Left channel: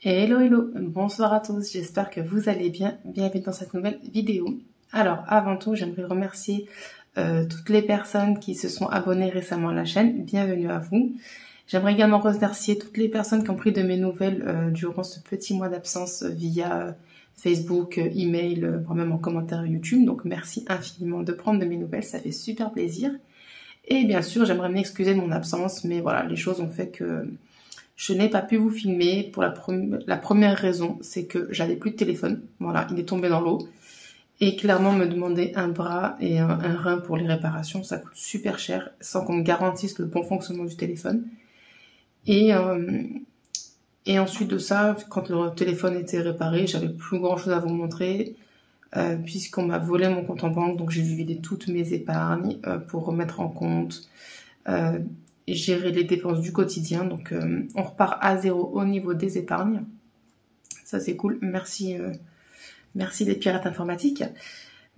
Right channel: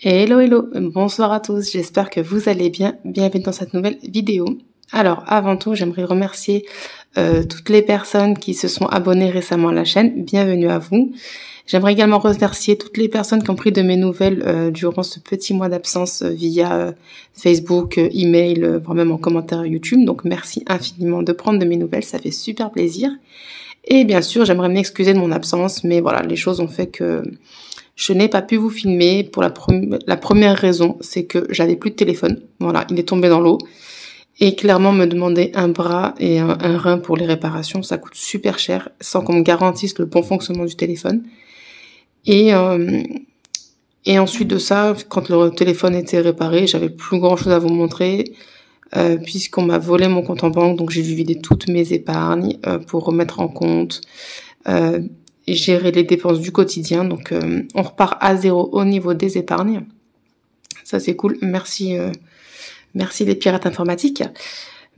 Hello hello, bonsoir à tous, j'espère que vous allez bien, bienvenue dans cette nouvelle vidéo. Alors avant tout, j'aimerais remercier toutes les personnes qui se sont abonnées récemment à la chaîne, bienvenue à vous. J'aimerais également remercier toutes les personnes qui ont pris de mes nouvelles durant ce petit mois d'absence via Facebook, email, voire même en commentaire YouTube, donc merci infiniment de prendre de mes nouvelles, ça fait super plaisir. Et bien sûr, j'aimerais m'excuser de mon absence, mais voilà, les choses ont fait que je n'ai pas pu vous filmer pour la première raison, c'est que j'avais plus de téléphone. Voilà, il est tombé dans l'eau. Et clairement, me demander un bras et un rein pour les réparations, ça coûte super cher, sans qu'on me garantisse le bon fonctionnement du téléphone. Et ensuite de ça, quand le téléphone était réparé, j'avais plus grand chose à vous montrer, puisqu'on m'a volé mon compte en banque, donc j'ai dû vider toutes mes épargnes pour remettre en compte. Et gérer les dépenses du quotidien. Donc, on repart à zéro au niveau des épargnes. Ça, c'est cool. Merci, merci les pirates informatiques.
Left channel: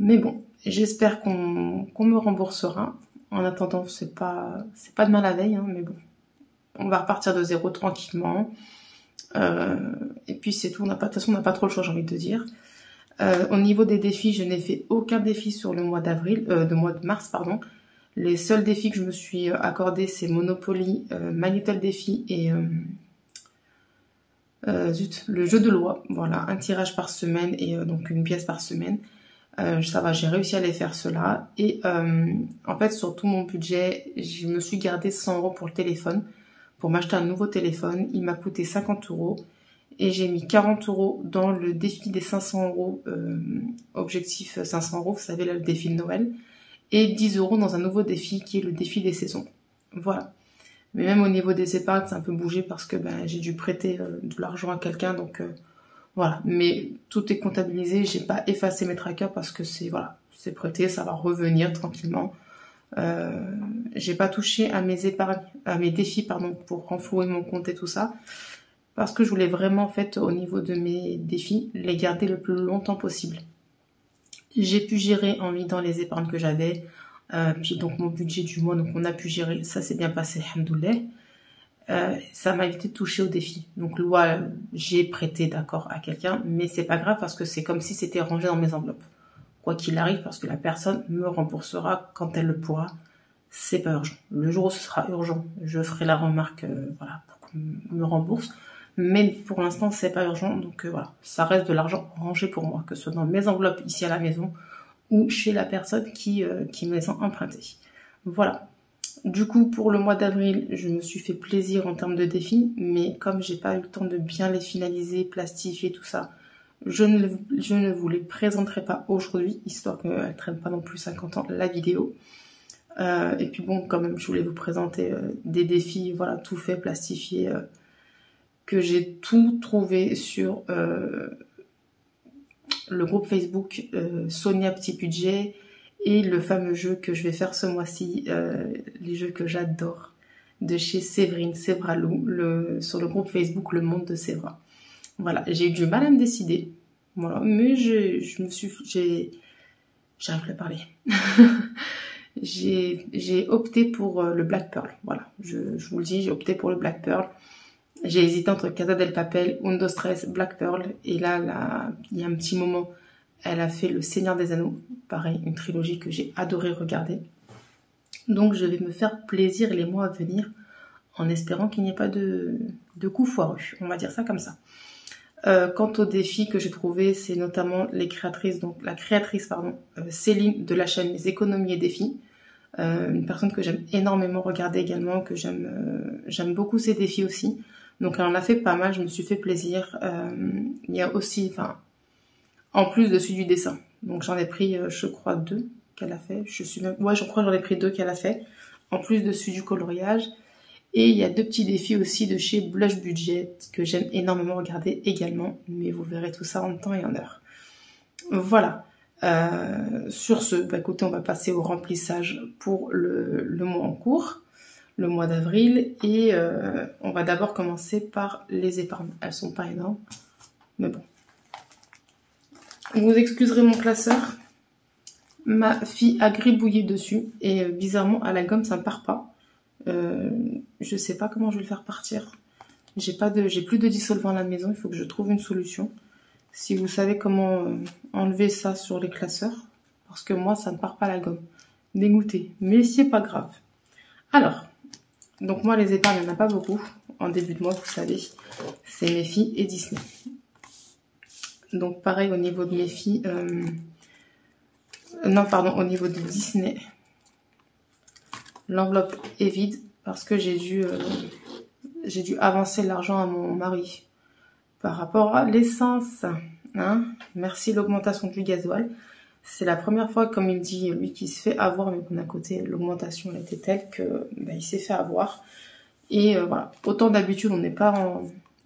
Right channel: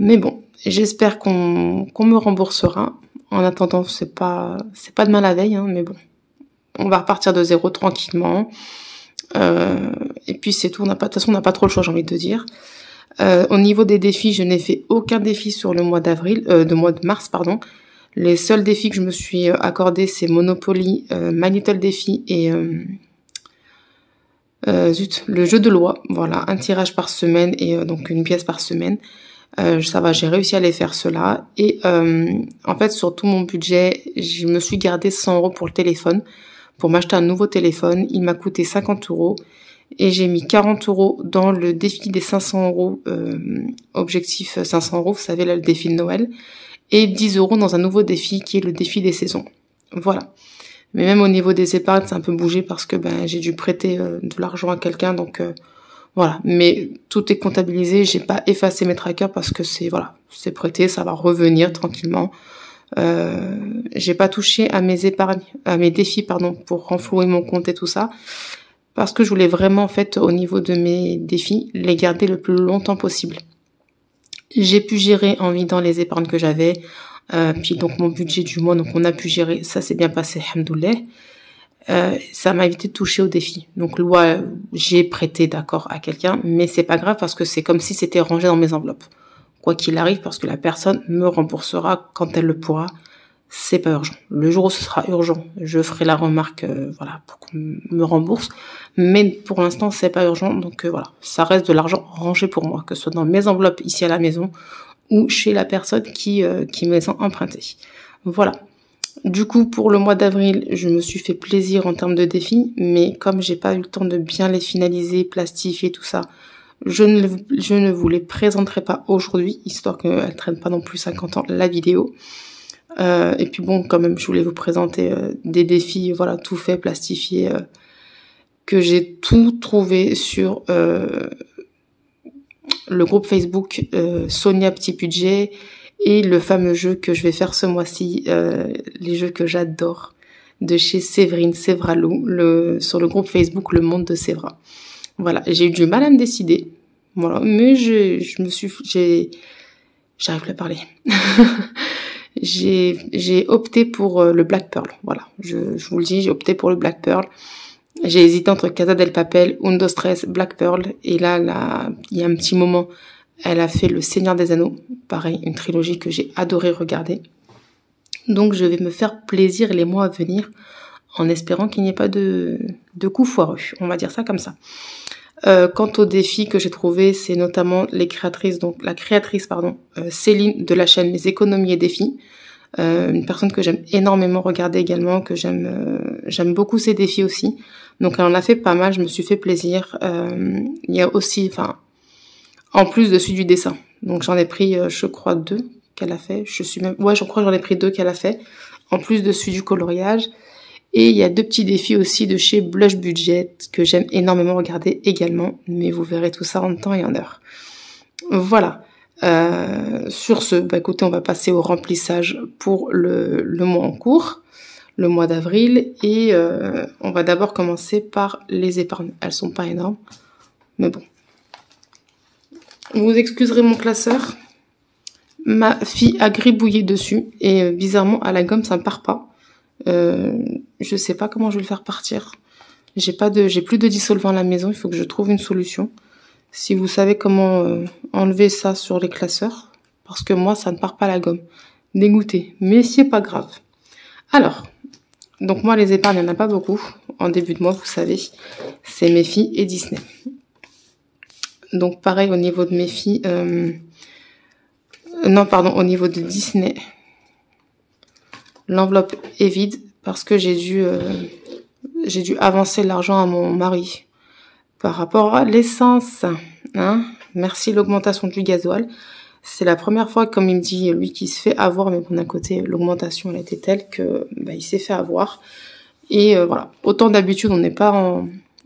Mais bon, j'espère qu'on me remboursera. En attendant, c'est pas demain la veille, hein, mais bon. On va repartir de zéro tranquillement. Et puis, c'est tout. De toute façon, on n'a pas trop le choix, j'ai envie de dire. Au niveau des défis, je n'ai fait aucun défi sur le mois de mars, pardon. Les seuls défis que je me suis accordés, c'est Monopoly, My Little Défi et le jeu de loi. Voilà, un tirage par semaine et donc une pièce par semaine. Ça va, j'ai réussi à les faire cela. Et en fait, sur tout mon budget, je me suis gardé 100 € pour le téléphone, pour m'acheter un nouveau téléphone. Il m'a coûté 50 € et j'ai mis 40 € dans le défi des 500 €, objectif 500 €, vous savez, là, le défi de Noël. Et 10 € dans un nouveau défi qui est le défi des saisons. Voilà. Mais même au niveau des épargnes, c'est un peu bougé parce que j'ai dû prêter de l'argent à quelqu'un, donc voilà. Mais tout est comptabilisé, j'ai pas effacé mes trackers parce que c'est prêté, ça va revenir tranquillement. J'ai pas touché à mes épargnes, à mes défis pour renflouer mon compte et tout ça, parce que je voulais vraiment en fait au niveau de mes défis les garder le plus longtemps possible. J'ai pu gérer en vidant les épargnes que j'avais, puis donc mon budget du mois, donc on a pu gérer, ça s'est bien passé, alhamdoulilah. Ça m'a évité de toucher au défi. Donc j'ai prêté d'accord à quelqu'un, mais c'est pas grave parce que c'est comme si c'était rangé dans mes enveloppes. Quoi qu'il arrive, parce que la personne me remboursera quand elle le pourra. C'est pas urgent. Le jour où ce sera urgent, je ferai la remarque, pour qu'on me rembourse. Mais pour l'instant, c'est pas urgent, donc voilà. Ça reste de l'argent rangé pour moi, que ce soit dans mes enveloppes ici à la maison ou chez la personne qui me les a empruntées. Voilà. Du coup, pour le mois d'avril, je me suis fait plaisir en termes de défis, mais comme j'ai pas eu le temps de bien les finaliser, plastifier tout ça, je ne vous les présenterai pas aujourd'hui, histoire qu'elle ne traîne pas non plus 50 ans la vidéo. Et puis bon, quand même, je voulais vous présenter des défis, voilà, tout fait, plastifié, que j'ai tout trouvé sur le groupe Facebook Sonia Petit Budget et le fameux jeu que je vais faire ce mois-ci, les jeux que j'adore, de chez Séverine Sévralou, sur le groupe Facebook Le Monde de Sévra. Voilà, j'ai eu du mal à me décider, voilà, mais j'arrive plus à parler. J'ai opté pour le Black Pearl, voilà, je vous le dis, j'ai opté pour le Black Pearl. J'ai hésité entre Casa del Papel, Undo Stress, Black Pearl, et là, il y a un petit moment, elle a fait Le Seigneur des Anneaux, pareil, une trilogie que j'ai adoré regarder. Donc je vais me faire plaisir les mois à venir, en espérant qu'il n'y ait pas de coups foireux, on va dire ça comme ça. Quant aux défis que j'ai trouvés, c'est notamment la créatrice, Céline de la chaîne Les Économies et Défis, une personne que j'aime énormément regarder également, que j'aime beaucoup ses défis aussi. Donc elle en a fait pas mal, je me suis fait plaisir. Il y a aussi, en plus de celui du dessin. Donc j'en ai pris, je crois, 2 qu'elle a fait. Je crois que j'en ai pris 2 qu'elle a fait, en plus de celui du coloriage. Et il y a 2 petits défis aussi de chez Blush Budget que j'aime énormément regarder également. Mais vous verrez tout ça en temps et en heure. Voilà. Sur ce, écoutez, on va passer au remplissage pour le mois en cours, le mois d'avril. Et on va d'abord commencer par les épargnes. Elles sont pas énormes, mais bon. Vous excuserez mon classeur. Ma fille a gribouillé dessus et bizarrement à la gomme ça ne part pas. Je sais pas comment je vais le faire partir. J'ai plus de dissolvant à la maison, il faut que je trouve une solution. Si vous savez comment enlever ça sur les classeurs, parce que moi, ça ne part pas la gomme. Dégoûté, mais c'est pas grave. Alors, donc moi, les épargnes, il n'y en a pas beaucoup. En début de mois, vous savez, c'est mes filles et Disney. Donc pareil, au niveau de mes filles... non, pardon, au niveau de Disney, l'enveloppe est vide parce que j'ai dû avancer l'argent à mon mari par rapport à l'essence. Hein, merci l'augmentation du gasoil. C'est la première fois, comme il me dit, lui qui se fait avoir, mais bon, d'un côté, l'augmentation, elle était telle que il s'est fait avoir. Et voilà, autant d'habitude, on n'est pas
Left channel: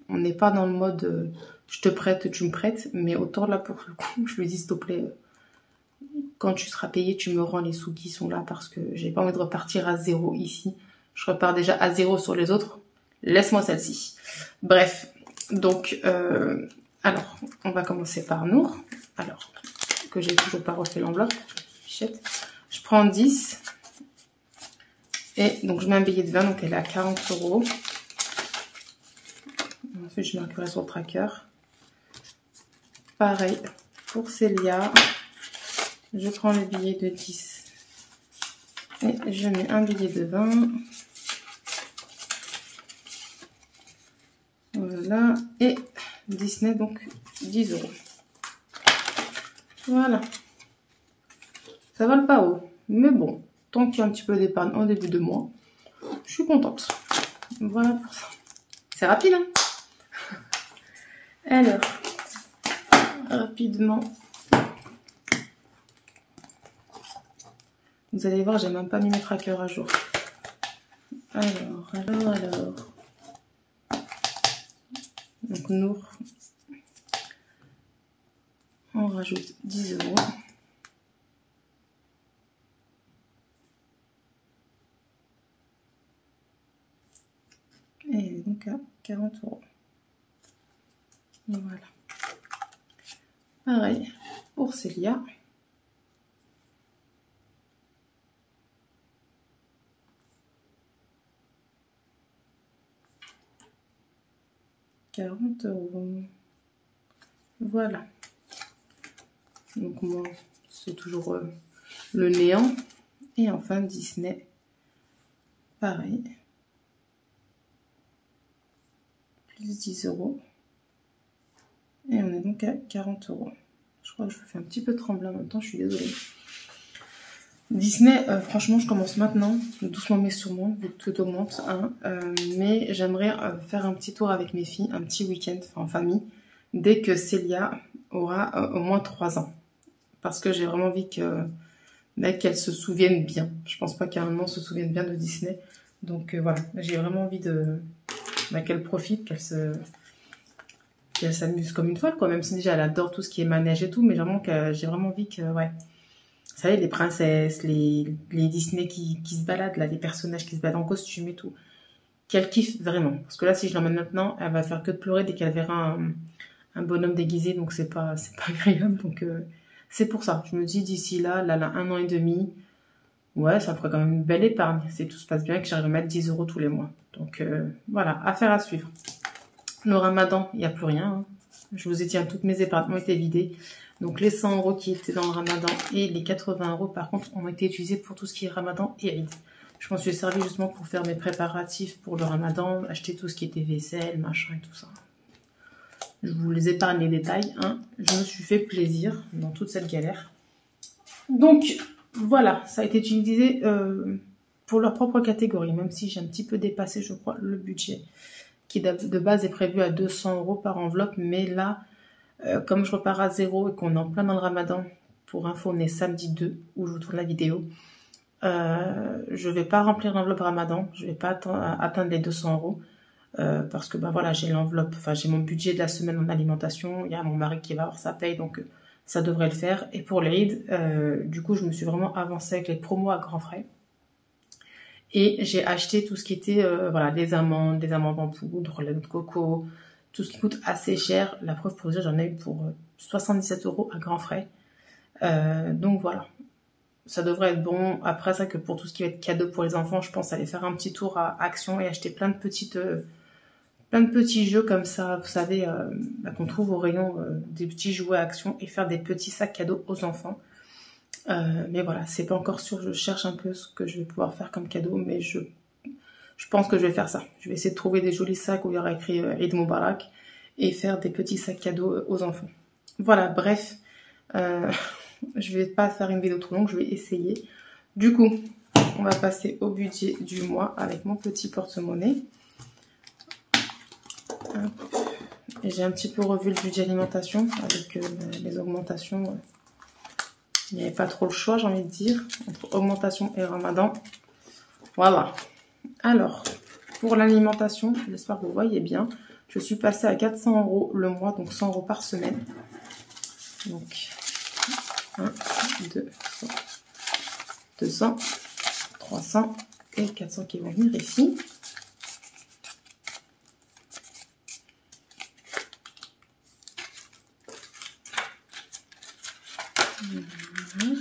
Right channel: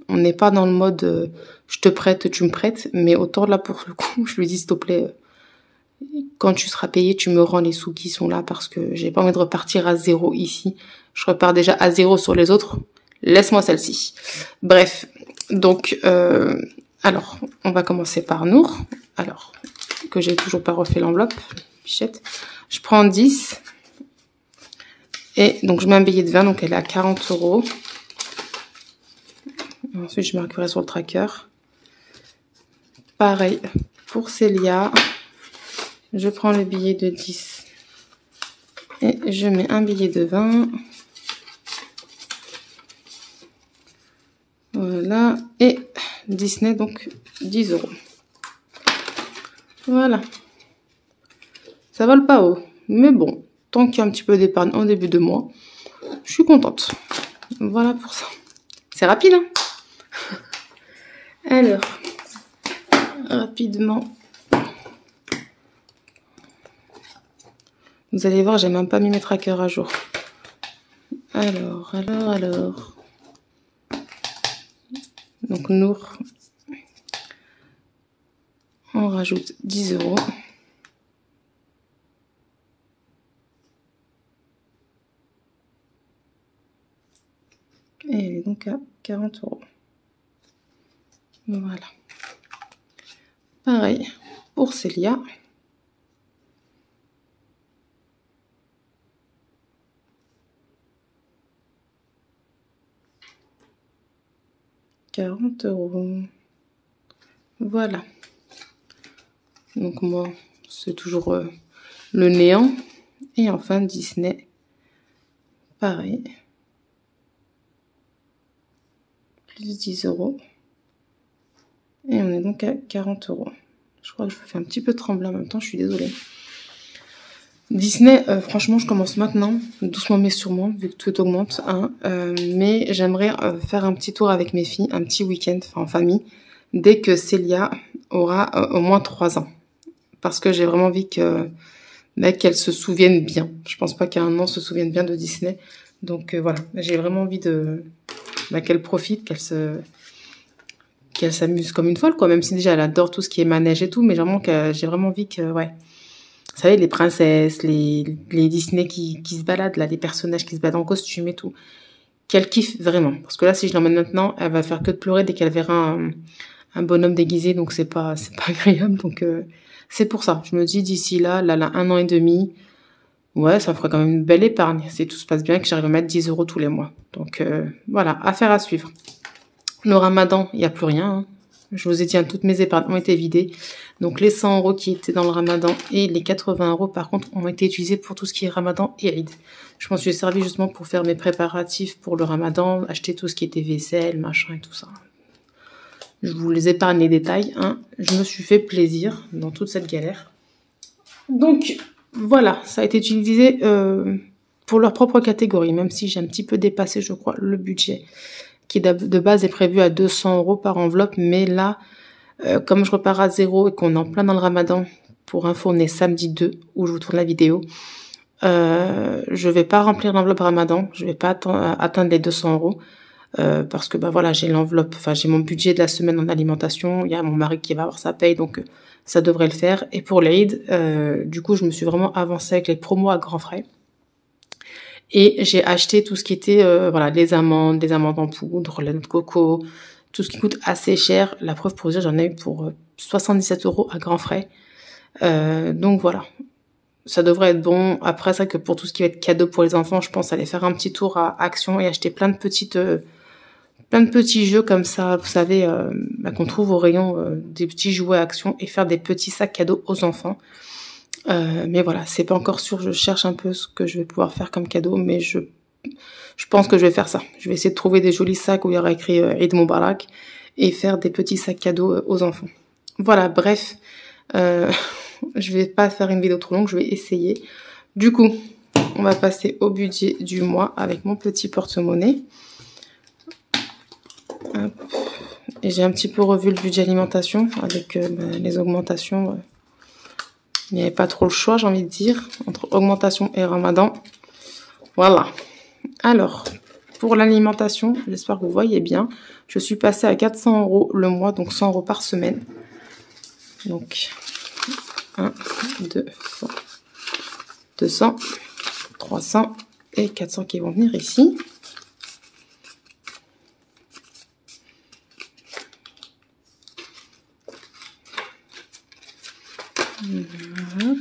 dans le mode je te prête, tu me prêtes, mais autant là, pour le coup, je lui dis, s'il te plaît, quand tu seras payé, tu me rends les sous qui sont là, parce que j'ai pas envie de repartir à zéro ici. Je repars déjà à zéro sur les autres. Laisse-moi celle-ci. Bref, donc, alors, on va commencer par Nour. Alors, que j'ai toujours pas refait l'enveloppe. Pichette. Je prends 10. Et donc, je mets un billet de 20, donc elle est à 40 €. Ensuite, je marquerai sur le tracker. Pareil pour Célia. Je prends le billet de 10. Et je mets un billet de 20. Voilà. Et Disney, donc 10 €. Voilà. Ça vole pas haut. Mais bon, tant qu'il y a un petit peu d'épargne en début de mois, je suis contente. Voilà pour ça. C'est rapide, hein? Alors, rapidement. Vous allez voir, j'ai même pas mis mes trackers à jour. Alors. Donc, Nour, on rajoute 10 €. Et elle est donc à 40 €. Voilà. Pareil pour Célia. €40. Voilà. Donc moi, c'est toujours le néant. Et enfin, Disney. Pareil. Plus 10 €. Et on est donc à 40 €. Je crois que je me fais un petit peu trembler en même temps, je suis désolée. Disney, franchement, je commence maintenant, doucement mais sûrement, vu que tout augmente. Hein, mais j'aimerais faire un petit tour avec mes filles, un petit week-end, en famille, dès que Célia aura au moins 3 ans. Parce que j'ai vraiment envie qu'elle se souvienne bien. Je pense pas qu'à un an, se souvienne bien de Disney. Donc voilà, j'ai vraiment envie qu'elle profite, qu'elle s'amuse comme une folle, quoi. Même si déjà elle adore tout ce qui est manège et tout, mais vraiment j'ai vraiment envie que, ouais. Vous savez, les princesses, les Disney qui se baladent, là, les personnages qui se baladent en costume et tout. Qu'elle kiffe vraiment. Parce que là, si je l'emmène maintenant, elle va faire que de pleurer dès qu'elle verra un bonhomme déguisé, donc c'est pas agréable. Donc c'est pour ça. Je me dis d'ici là, 1 an et demi, ouais, ça me fera quand même une belle épargne. Si tout se passe bien, que j'arrive à mettre 10 € tous les mois. Donc voilà, affaire à suivre. Le ramadan, il n'y a plus rien. Hein. Je vous ai dit, toutes mes épargnes ont été vidées. Donc les 100 € qui étaient dans le ramadan et les 80 € par contre ont été utilisés pour tout ce qui est ramadan et Eid. Je m'en suis servi justement pour faire mes préparatifs pour le ramadan, acheter tout ce qui était vaisselle, machin et tout ça. Je vous les épargne les détails. Hein. Je me suis fait plaisir dans toute cette galère. Donc voilà, ça a été utilisé pour leur propre catégorie, même si j'ai un petit peu dépassé, je crois, le budget qui de base est prévu à 200 € par enveloppe. Mais là, comme je repars à zéro et qu'on est en plein dans le ramadan, pour info, on est samedi 2, où je vous tourne la vidéo, je vais pas remplir l'enveloppe ramadan, je vais pas atteindre les 200 €, parce que voilà, j'ai l'enveloppe, enfin j'ai mon budget de la semaine en alimentation, il y a mon mari qui va avoir sa paye, donc ça devrait le faire. Et pour l'Eid, du coup, je me suis vraiment avancée avec les promos à grands frais. Et j'ai acheté tout ce qui était, voilà, les amandes en poudre, la noix de coco, tout ce qui coûte assez cher. La preuve pour dire, j'en ai eu pour 77 € à grands frais. Donc voilà, ça devrait être bon. Après, c'est vrai que pour tout ce qui va être cadeau pour les enfants, je pense aller faire un petit tour à Action et acheter plein de plein de petits jeux comme ça, vous savez, qu'on trouve au rayon des petits jouets action et faire des petits sacs cadeaux aux enfants. Mais voilà, c'est pas encore sûr, je cherche un peu ce que je vais pouvoir faire comme cadeau, mais je pense que je vais faire ça. Je vais essayer de trouver des jolis sacs où il y aura écrit Eid Mubarak et faire des petits sacs cadeaux aux enfants. Voilà, bref, je vais pas faire une vidéo trop longue, je vais essayer. Du coup, on va passer au budget du mois avec mon petit porte-monnaie. Et j'ai un petit peu revu le budget alimentation avec les augmentations. Il n'y avait pas trop le choix, j'ai envie de dire, entre augmentation et ramadan. Voilà. Alors, pour l'alimentation, j'espère que vous voyez bien, je suis passée à 400 € le mois, donc 100 € par semaine. Donc, 1, 2, 100, 200, 300 et 400 qui vont venir ici. Voilà.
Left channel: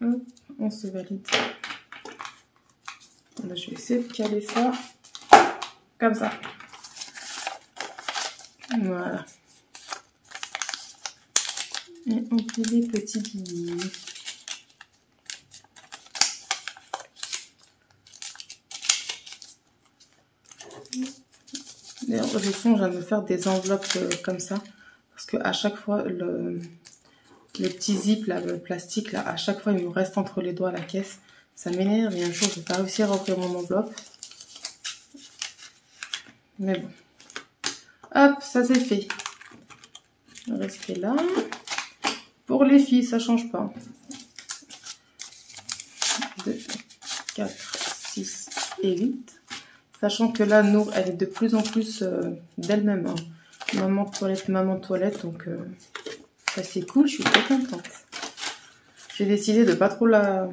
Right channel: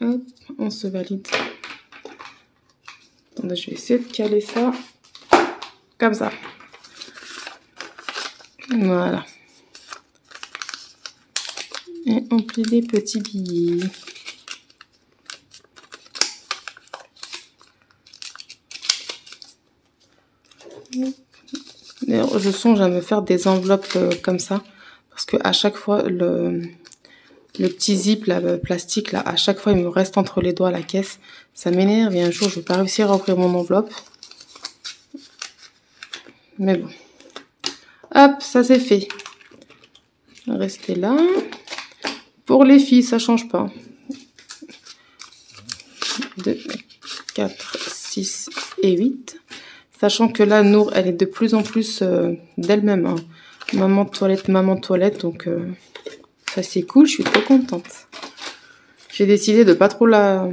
Hop, on se valide. Je vais essayer de caler ça comme ça. Voilà. Et on plie des petits billets. D'ailleurs, je songe à me faire des enveloppes comme ça. Parce que à chaque fois, le petit zip, là, le plastique, là, à chaque fois, il me reste entre les doigts la caisse. Ça m'énerve et un jour, je ne vais pas réussir à ouvrir mon enveloppe. Mais bon. Hop, ça c'est fait. Restez là. Pour les filles, ça ne change pas. 2, 4, 6 et 8. Sachant que là, Nour, elle est de plus en plus d'elle-même. Hein. Maman toilette. Donc, ça c'est cool, je suis très contente. J'ai décidé de pas trop la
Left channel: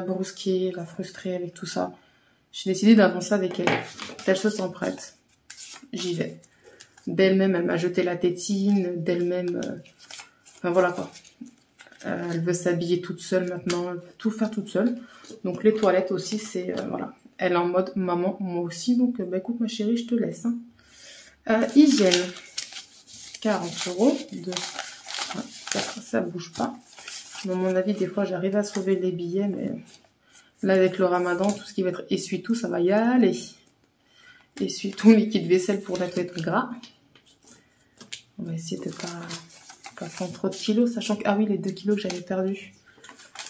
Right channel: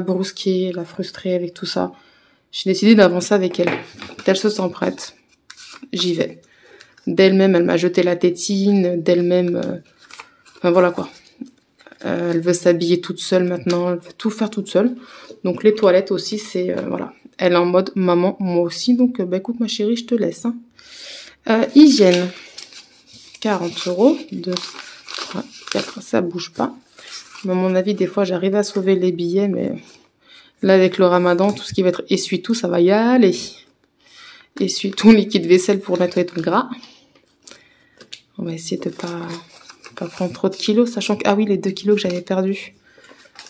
brusquer, la frustrer avec tout ça. J'ai décidé d'avancer avec elle. Elle se sent prête. J'y vais. D'elle-même, elle m'a jeté la tétine. D'elle-même, enfin voilà quoi. Elle veut s'habiller toute seule maintenant. Elle veut tout faire toute seule. Donc les toilettes aussi, c'est voilà. Elle est en mode maman, moi aussi. Donc bah écoute ma chérie, je te laisse. Hein. Hygiène. 40 €. 2, 3, 4, ça bouge pas. Mais à mon avis, des fois, j'arrive à sauver les billets, mais là, avec le ramadan, tout ce qui va être essuie-tout, ça va y aller. Essuie-tout, liquide vaisselle pour nettoyer tout le gras. On va essayer de pas prendre trop de kilos, sachant que, ah oui, les 2 kilos que j'avais perdus,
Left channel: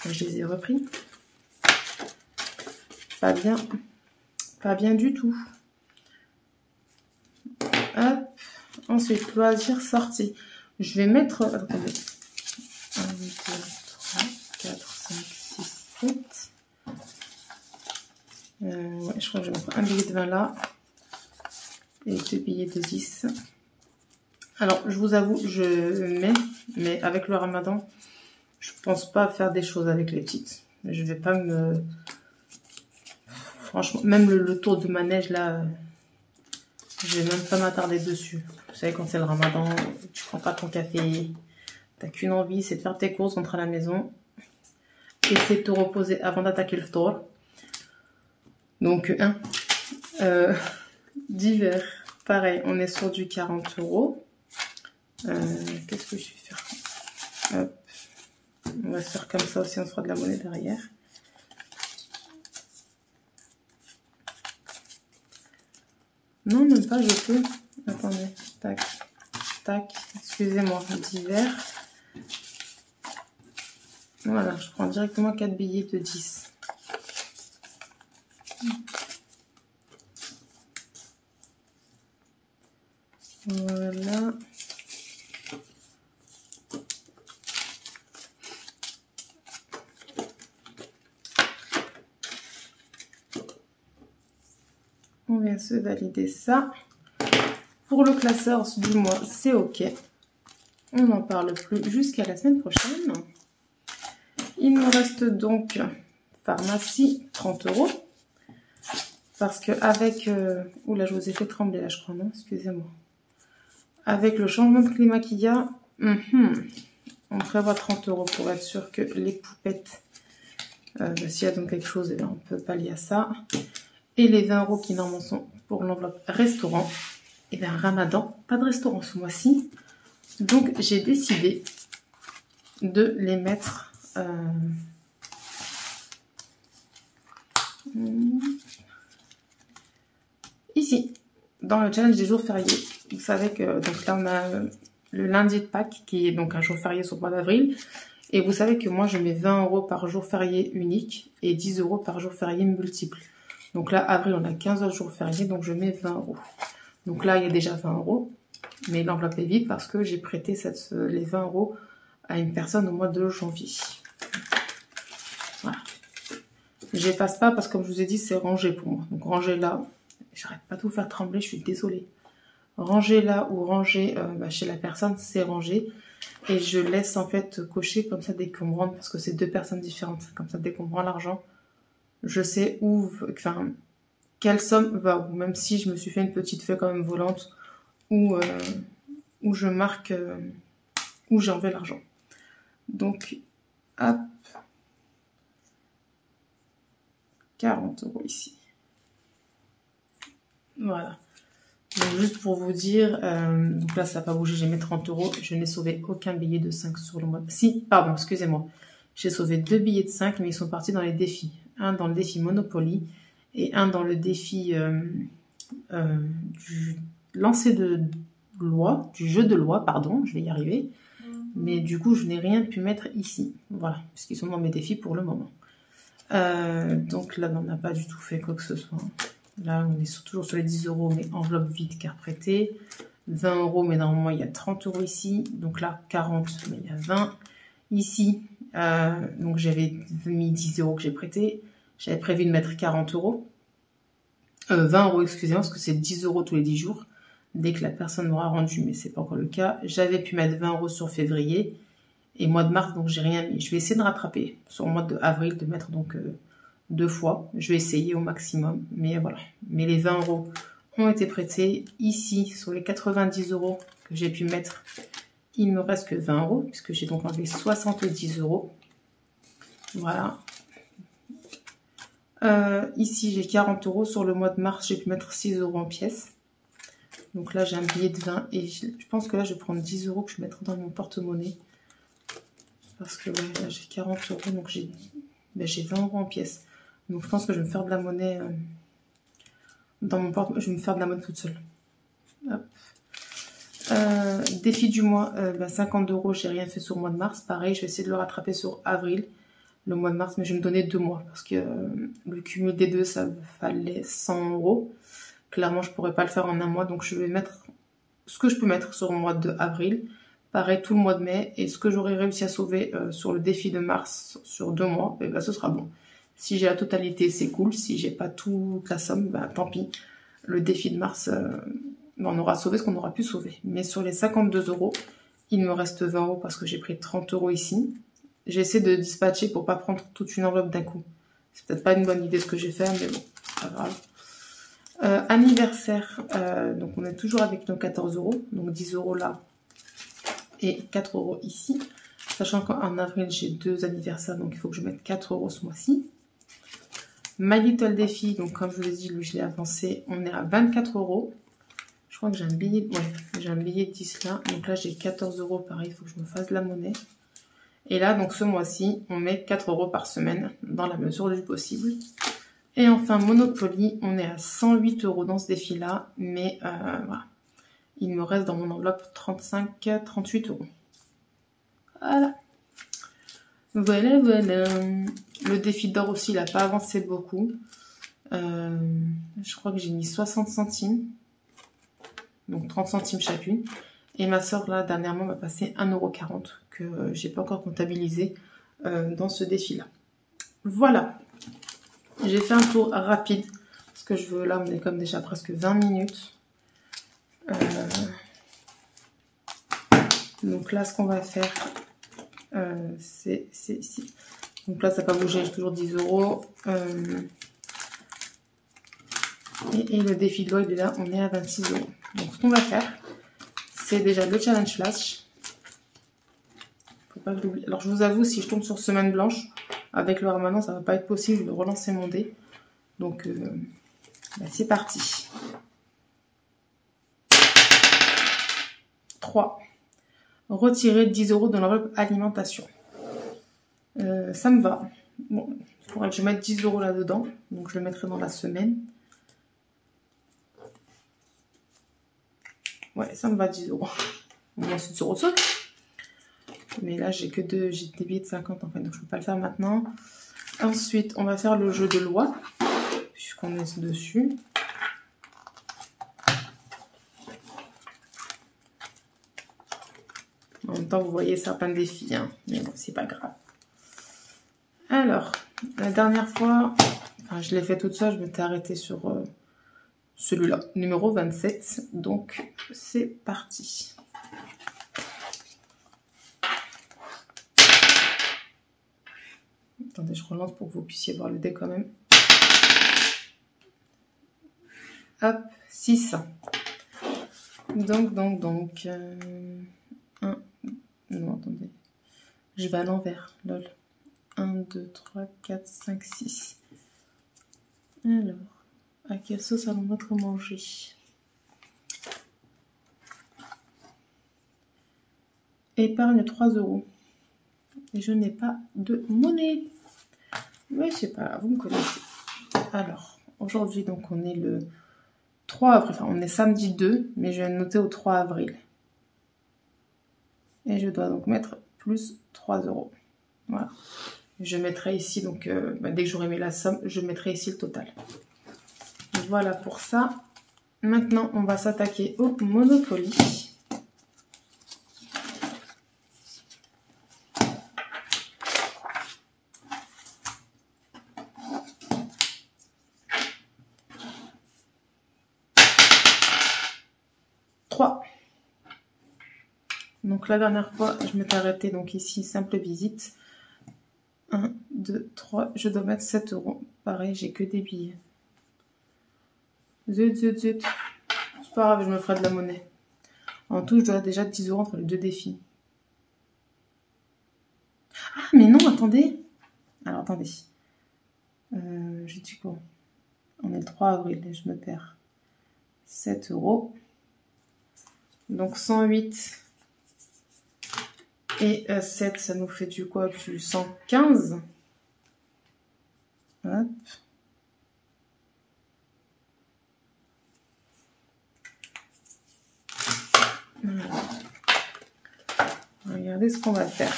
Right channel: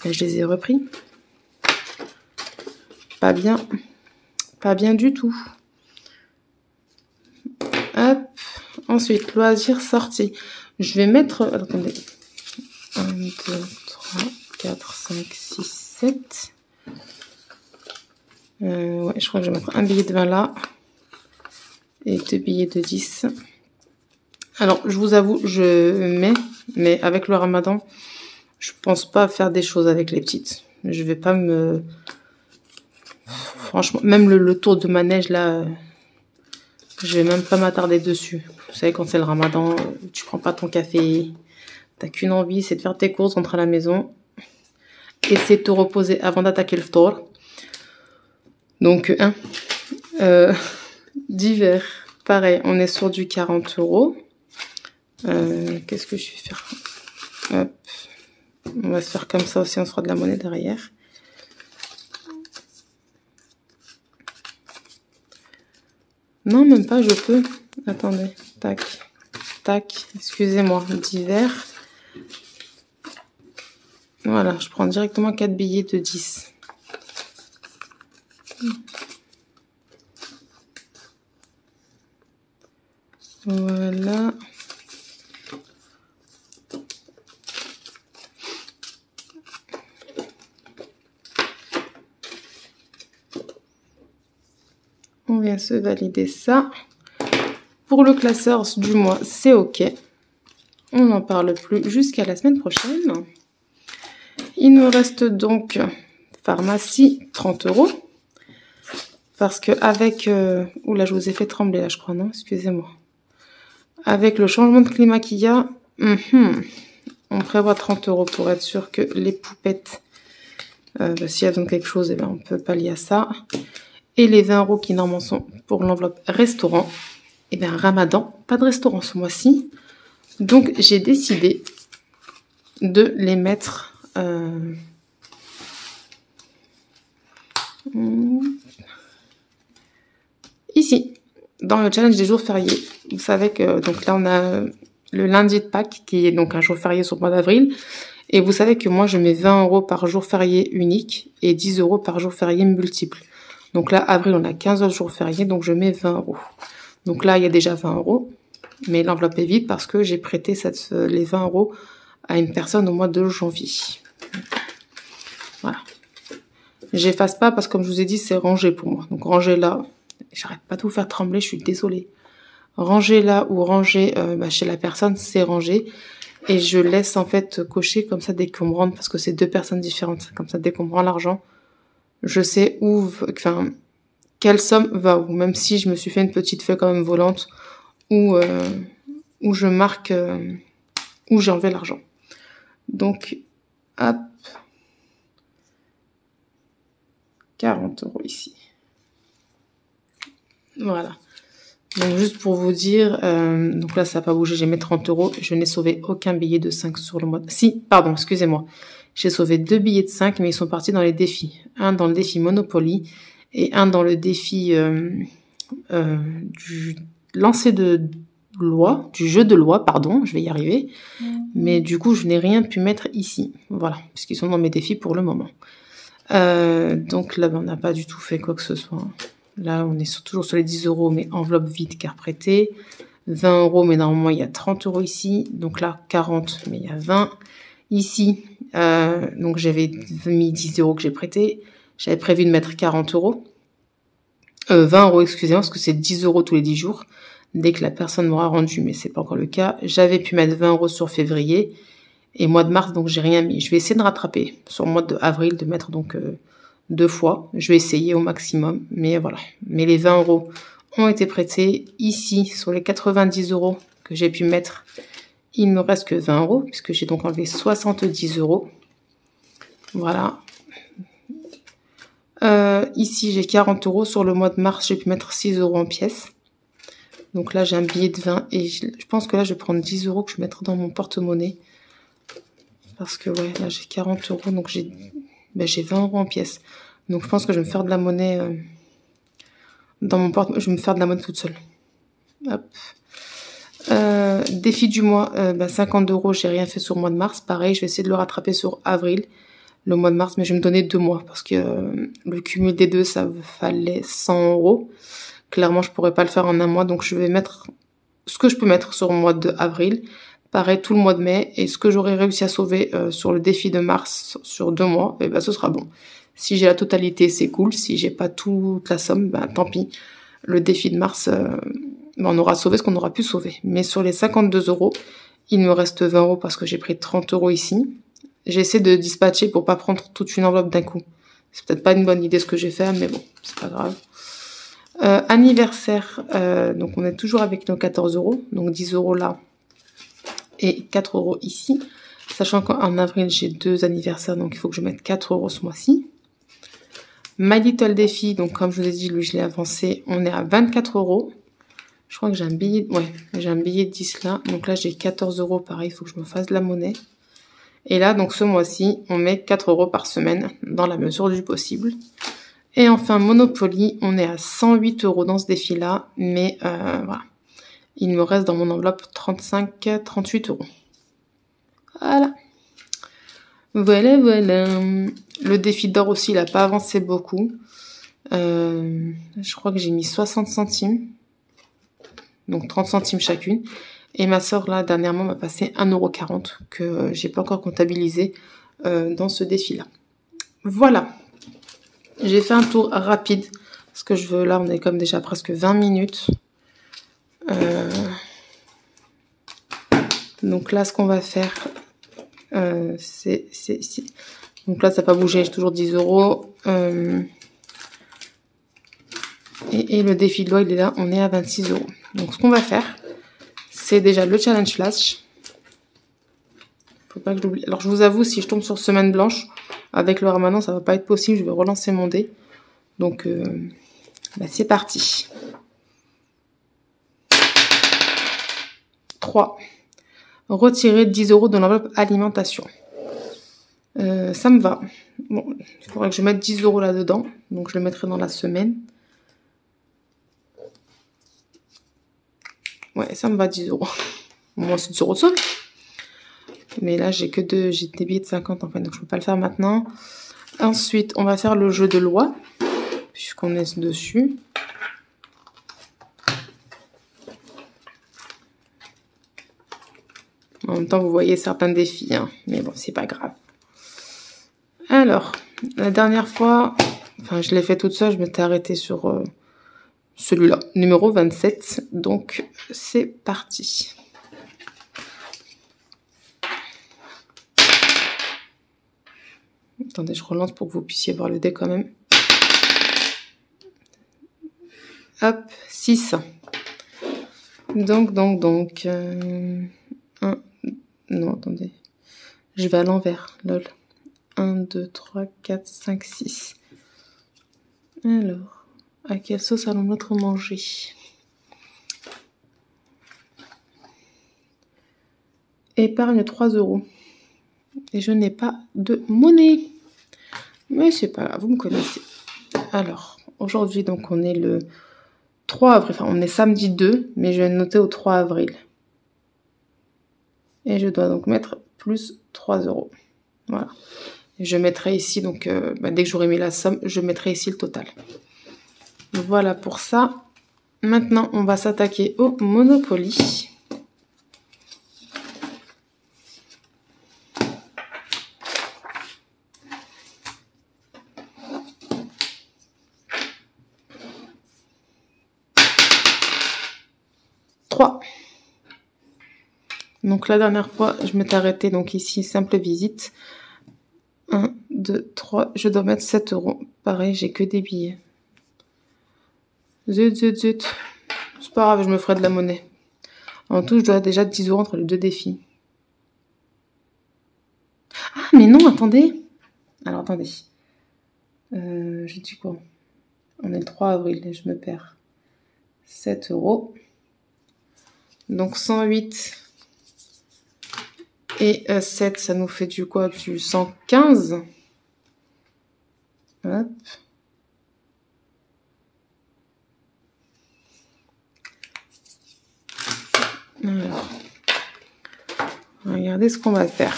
je les ai repris. Pas bien du tout. Hop. Ensuite, loisirs, sortie. Je vais mettre, attendez, 1, 2, 3, 4, 5, 6, 7. Ouais, je crois que je vais mettre un billet de 20 là. Et 2 billets de 10. Alors, je vous avoue, je mets, mais avec le ramadan, je pense pas faire des choses avec les petites. Je vais pas me... Franchement, même le tour de manège, là, je vais même pas m'attarder dessus. Vous savez, quand c'est le ramadan, tu prends pas ton café, t'as qu'une envie, c'est de faire tes courses, rentrer à la maison, essayer de te reposer avant d'attaquer le ftour. Donc, d'hiver, pareil, on est sur du 40 €. Qu'est-ce que je vais faire? Hop. On va se faire comme ça aussi, on se fera de la monnaie derrière. Non, même pas, je peux. Attendez, tac, tac, excusez-moi, d'hiver. Voilà, je prends directement 4 billets de 10. Voilà. On vient se valider ça. Pour le classeur du mois, c'est OK. On n'en parle plus jusqu'à la semaine prochaine. Il nous reste donc pharmacie, 30 €. Parce que avec... Oula, je vous ai fait trembler là, je crois, non? Excusez-moi. Avec le changement de climat qu'il y a, on prévoit 30 € pour être sûr que les poupettes Si elle donne quelque chose, eh bien, on peut pallier à ça. Et les 20 € qui normalement sont pour l'enveloppe restaurant. Eh bien, Ramadan, pas de restaurant ce mois-ci. Donc, j'ai décidé de les mettre... ici, dans le challenge des jours fériés. Vous savez que donc là, on a le lundi de Pâques, qui est donc un jour férié sur le mois d'avril. Et vous savez que moi, je mets 20 € par jour férié unique et 10 € par jour férié multiple. Donc là, avril, on a 15 autres jours fériés, donc je mets 20 €. Donc là, il y a déjà 20 €, mais l'enveloppe est vide parce que j'ai prêté les 20 € à une personne au mois de janvier. Voilà. J'efface pas parce que, comme je vous ai dit, c'est rangé pour moi. Donc ranger là, j'arrête pas de vous faire trembler, je suis désolée. Ranger là ou ranger chez la personne, c'est rangé. Et je laisse en fait cocher comme ça dès qu'on me rend, parce que c'est 2 personnes différentes. Comme ça, dès qu'on me rend l'argent, je sais quelle somme va où. Même si je me suis fait une petite feuille quand même volante où je marque où j'ai enlevé l'argent. Donc, hop, 40 € ici. Voilà. Donc, juste pour vous dire, donc là, ça n'a pas bougé, j'ai mis 30 €. Je n'ai sauvé aucun billet de 5 sur le mois. Si, pardon, excusez-moi. J'ai sauvé 2 billets de 5, mais ils sont partis dans les défis. Un dans le défi Monopoly et un dans le défi du lancer de loi, du jeu de loi, pardon, je vais y arriver. Mais du coup, je n'ai rien pu mettre ici. Voilà, puisqu'ils sont dans mes défis pour le moment. Donc là, on n'a pas du tout fait quoi que ce soit. Là, on est toujours sur les 10 €, mais enveloppe vide car prêtée. 20 €, mais normalement, il y a 30 € ici. Donc là, 40, mais il y a 20. Ici, donc j'avais mis 10 € que j'ai prêté. J'avais prévu de mettre 40 €. 20 €, excusez-moi, parce que c'est 10 € tous les 10 jours. Dès que la personne m'aura rendu, mais c'est pas encore le cas. J'avais pu mettre 20 € sur février. Et mois de mars, donc j'ai rien mis. Je vais essayer de rattraper sur le mois d'avril, de mettre donc 2 fois. Je vais essayer au maximum, mais voilà. Mais les 20 € ont été prêtés. Ici, sur les 90 € que j'ai pu mettre, il me reste que 20 €, puisque j'ai donc enlevé 70 €. Voilà. Ici, j'ai 40 €. Sur le mois de mars, j'ai pu mettre 6 € en pièces. Donc là, j'ai un billet de 20 et je pense que là, je vais prendre 10 € que je vais mettre dans mon porte-monnaie. Parce que ouais, là, j'ai 40 €, donc j'ai 20 € en pièces. Donc je pense que je vais me faire de la monnaie dans mon porte-monnaie. Je vais me faire de la monnaie toute seule. Hop. Défi du mois, 50 €, j'ai rien fait sur le mois de mars. Pareil, je vais essayer de le rattraper sur avril, le mois de mars, mais je vais me donner 2 mois parce que le cumul des deux, ça fallait 100 €. Clairement, je pourrais pas le faire en un mois, donc je vais mettre ce que je peux mettre sur le mois d'avril. Pareil, tout le mois de mai. Et ce que j'aurais réussi à sauver sur le défi de mars sur 2 mois, et ce sera bon. Si j'ai la totalité, c'est cool. Si j'ai pas toute la somme, tant pis. Le défi de mars, on aura sauvé ce qu'on aura pu sauver. Mais sur les 52 €, il me reste 20 € parce que j'ai pris 30 € ici. J'essaie de dispatcher pour pas prendre toute une enveloppe d'un coup. C'est peut-être pas une bonne idée ce que j'ai fait, mais bon, c'est pas grave. Anniversaire, donc on est toujours avec nos 14 €, donc 10 € là et 4 € ici. Sachant qu'en avril, j'ai 2 anniversaires, donc il faut que je mette 4 € ce mois-ci. My Little Défi, donc comme je vous ai dit, lui, je l'ai avancé. On est à 24 €. Je crois que j'ai un billet, j'ai un billet de 10 là. Donc là, j'ai 14 €, pareil, il faut que je me fasse de la monnaie. Et là, donc ce mois-ci, on met 4 € par semaine, dans la mesure du possible. Et enfin, Monopoly, on est à 108 € dans ce défi-là, mais voilà. Il me reste dans mon enveloppe 38 €. Voilà. Voilà, voilà. Le défi d'or aussi, il n'a pas avancé beaucoup. Je crois que j'ai mis 60 centimes. Donc 30 centimes chacune. Et ma soeur, là, dernièrement, m'a passé 1,40 € que j'ai pas encore comptabilisé dans ce défi-là. Voilà. J'ai fait un tour rapide. Parce que je veux, là, on est comme déjà presque 20 minutes. Donc là, ce qu'on va faire, c'est... Donc là, ça n'a pas bougé, j'ai toujours 10 €. Et le défi de loi, il est là, on est à 26 €. Donc ce qu'on va faire, c'est déjà le challenge flash. Faut pas que j'oublie. Alors je vous avoue, si je tombe sur semaine blanche, Avec le ramadan, ça va pas être possible. Je vais relancer mon dé. Donc, c'est parti. 3. Retirer 10 € de l'enveloppe alimentation. Ça me va. Bon, il faudrait que je mette 10 € là-dedans. Donc, je le mettrai dans la semaine. Ouais, ça me va, 10 €. Moi, c'est 10 € de solde. Mais là, j'ai des billets de 50 en fait. Donc, je peux pas le faire maintenant. Ensuite, on va faire le jeu de loi. Puisqu'on est dessus. En même temps, vous voyez certains défis. Hein. Mais bon, c'est pas grave. Alors, la dernière fois, enfin, je l'ai fait toute seule. Je m'étais arrêtée sur celui-là, numéro 27. Donc, c'est parti. Attendez, je relance pour que vous puissiez voir le dé quand même. Hop, 6. Donc. Non, attendez. Je vais à l'envers, lol. 1, 2, 3, 4, 5, 6. Alors, à quelle sauce allons-nous notre manger? Épargne 3 €. Et je n'ai pas de monnaie. Mais c'est pas grave, vous me connaissez. Alors, aujourd'hui, donc, on est le 3 avril. Enfin, on est samedi 2, mais je vais noter au 3 avril. Et je dois donc mettre plus 3 €. Voilà. Et je mettrai ici, donc, dès que j'aurai mis la somme, je mettrai ici le total. Voilà pour ça. Maintenant, on va s'attaquer au Monopoly. Donc la dernière fois, je m'étais arrêtée, donc ici, simple visite. 1, 2, 3, je dois mettre 7 €. Pareil, j'ai que des billets. Zut. C'est pas grave, je me ferai de la monnaie. En tout, je dois déjà 10 € entre les deux défis. Ah, mais non, attendez. Alors, attendez. J'ai dit quoi? On est le 3 avril et je me perds. 7 €. Donc 108 et 7, ça nous fait du quoi? Du 115. Hop. Alors. Regardez ce qu'on va faire.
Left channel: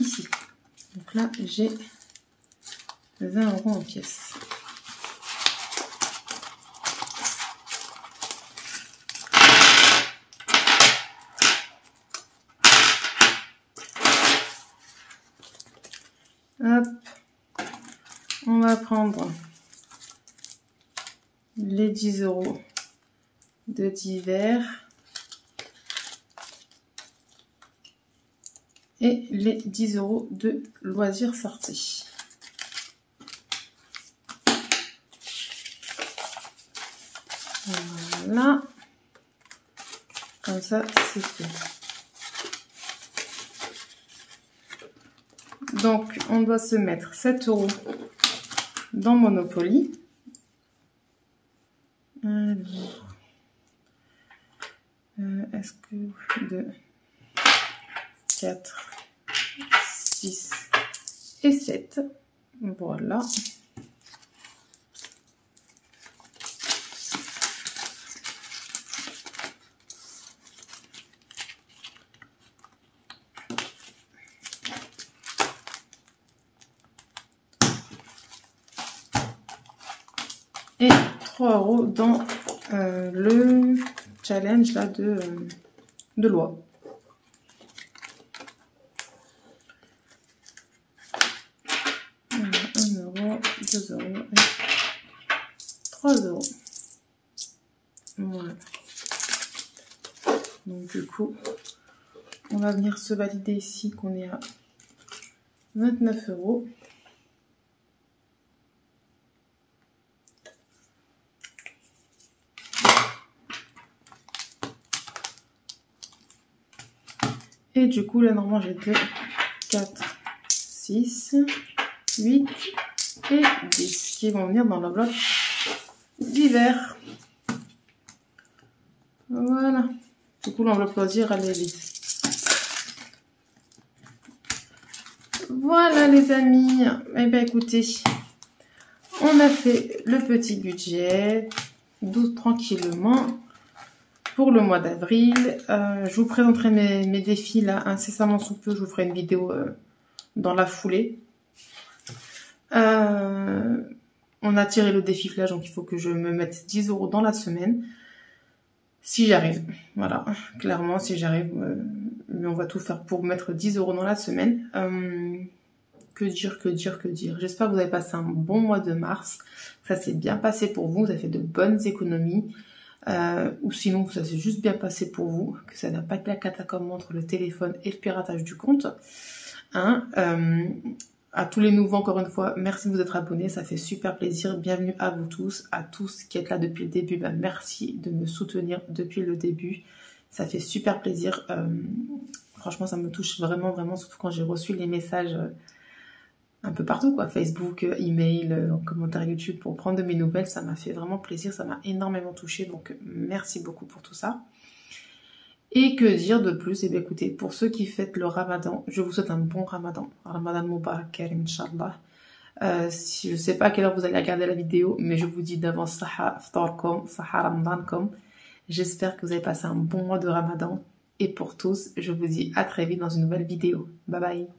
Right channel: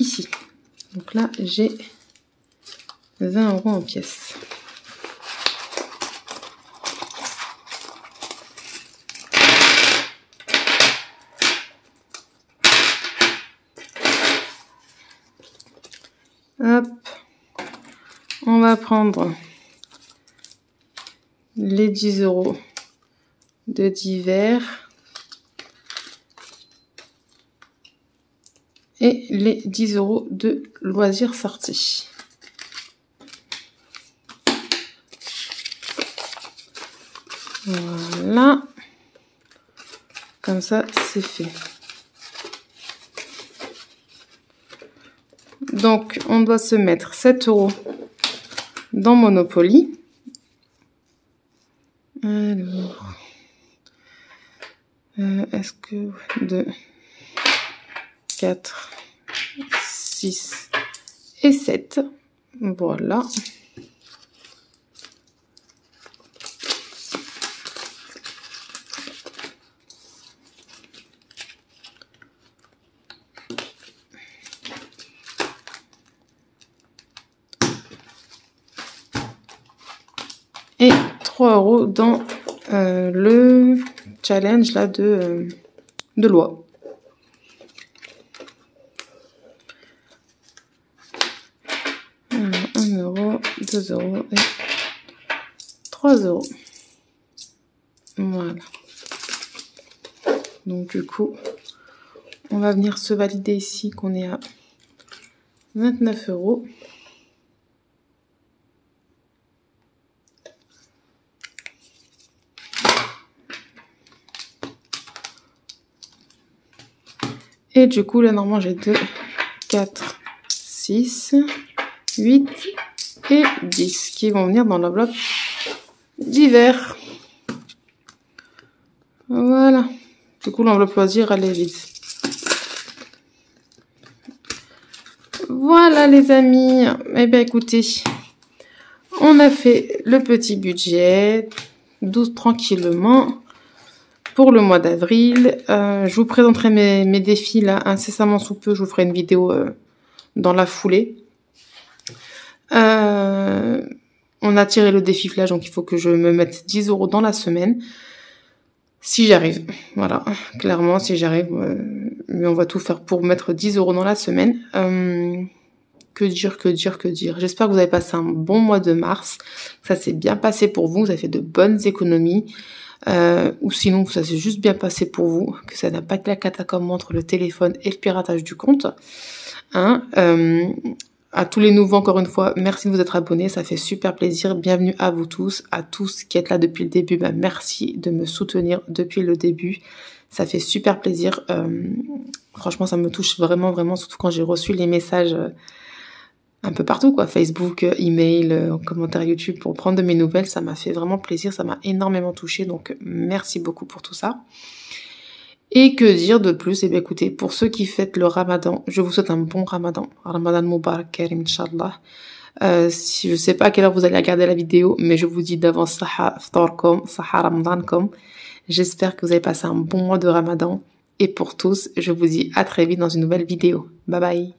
Ici. Donc là, j'ai 20 € en pièces. Hop. On va prendre les 10 € de divers et les 10 € de loisirs sortis. Voilà. Comme ça, c'est fait. Donc, on doit se mettre 7 € dans Monopoly. Alors, est-ce que 2, 4, 6 et 7. Voilà. Et 3 € dans le challenge là de loi. Alors, 1 €, 2 € et 3 €. Voilà. Donc du coup, on va venir se valider ici qu'on est à 29 €. Et du coup, là, normalement, j'ai 2, 4, 6, 8 et 10 qui vont venir dans l'enveloppe d'hiver. Voilà. Du coup, l'enveloppe loisir, elle est vide. Voilà, les amis. Eh bien, écoutez, on a fait le petit budget, douce tranquillement, pour le mois d'avril. Je vous présenterai mes défis, là, incessamment sous peu. Je vous ferai une vidéo dans la foulée. On a tiré le défi flash, donc il faut que je me mette 10 € dans la semaine. Si j'arrive, voilà, clairement, si j'arrive, mais on va tout faire pour mettre 10 € dans la semaine. Que dire. J'espère que vous avez passé un bon mois de mars, que ça s'est bien passé pour vous, vous avez fait de bonnes économies, ou sinon que ça s'est juste bien passé pour vous, que ça n'a pas été la catacombe entre le téléphone et le piratage du compte. Hein, à tous les nouveaux, encore une fois, merci de vous être abonnés, ça fait super plaisir. Bienvenue à vous tous, à tous qui êtes là depuis le début. Ben, merci de me soutenir depuis le début. Ça fait super plaisir. Franchement, ça me touche vraiment, vraiment, surtout quand j'ai reçu les messages un peu partout, quoi. Facebook, email, commentaire YouTube pour prendre de mes nouvelles. Ça m'a fait vraiment plaisir, ça m'a énormément touchée. Donc, merci beaucoup pour tout ça. Et que dire de plus? Eh bien, écoutez, pour ceux qui fêtent le ramadan, je vous souhaite un bon ramadan. Ramadan Mubarak Karim, Inch'Allah. Je ne sais pas à quelle heure vous allez regarder la vidéo, mais je vous dis d'avance, Saha Ftorkom, Saha Ramadankom. J'espère que vous avez passé un bon mois de ramadan. Et pour tous, je vous dis à très vite dans une nouvelle vidéo. Bye bye.